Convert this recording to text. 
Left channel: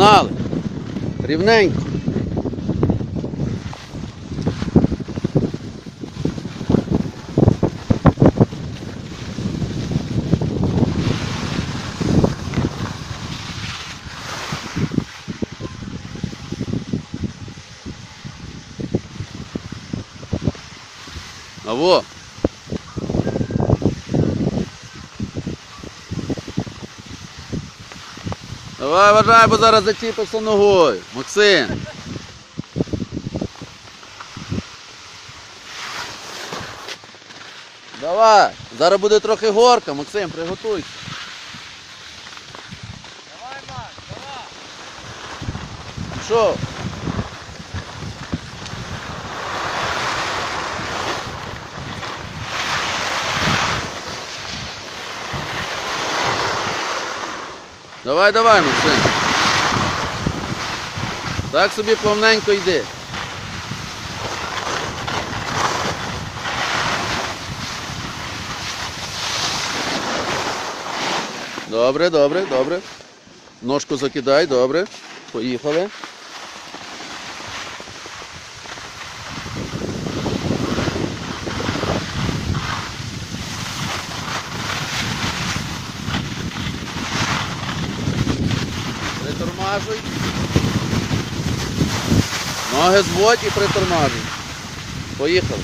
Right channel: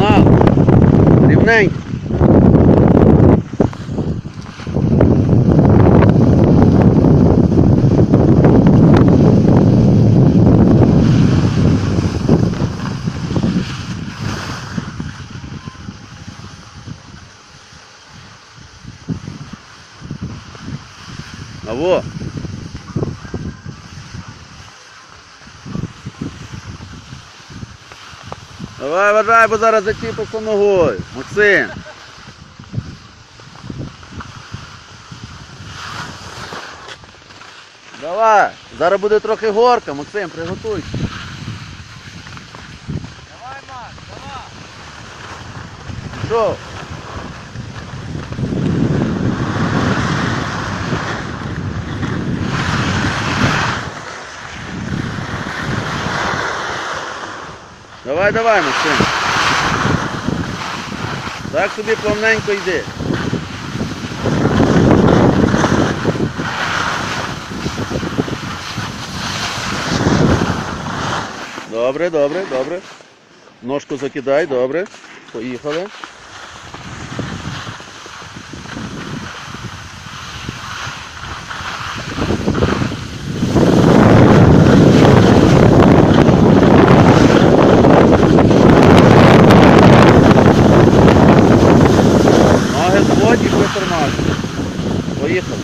Ronaldo, Rivnenko. Alô? Давай, вважай, бо зараз зачіпився ногою. Максим. Давай, зараз буде трохи горка, Максим, приготуйся. Давай, Макс, давай. Пішов. Давай, давай, Максим. Так собі плавненько йди. Добре, добре, добре. Ножку закидай, добре. Поїхали. І притормажуй. Поїхали.